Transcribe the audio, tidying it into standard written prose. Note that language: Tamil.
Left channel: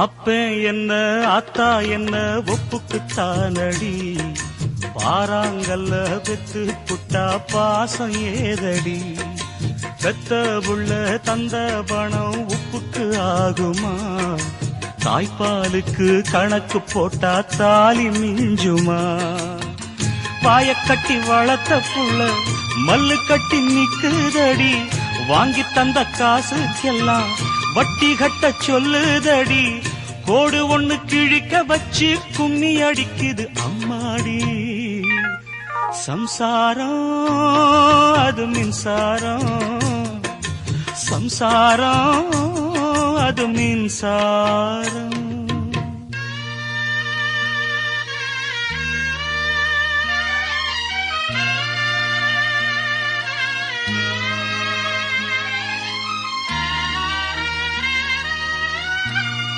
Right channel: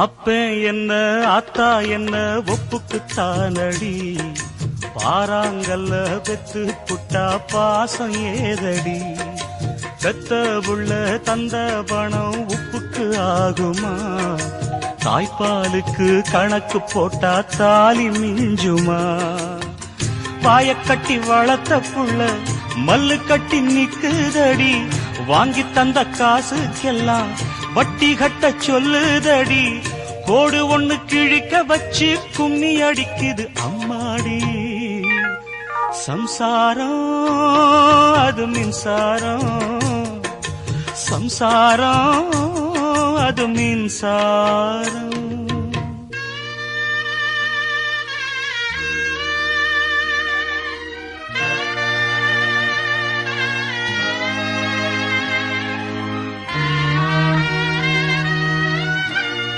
அப்ப என்ன அத்தா என்ன ஒப்புக்குத்தானடி, பாறாங்கல்ல பெத்து புட்டா பாசம் ஏதடி, பெத்த புள்ள தந்த பணம் உப்புக்கு ஆகுமா, தாய்ப்பாலுக்கு கணக்கு போட்டா தாலி மிஞ்சுமா, வாய கட்டி வளர்த்த புள்ள மல்லு கட்டி நிக்குதடி, வாங்கி தந்த காசுக்கெல்லாம் வட்டி கட்ட சொல்லுதடி, கோடு ஒண்ணு கிழிக்க வச்சு கும்மி அடிக்குது அம்மாடி, சம்சாரம் அது மின்சாரம், சம்சாரம் அது மின்சாரம்.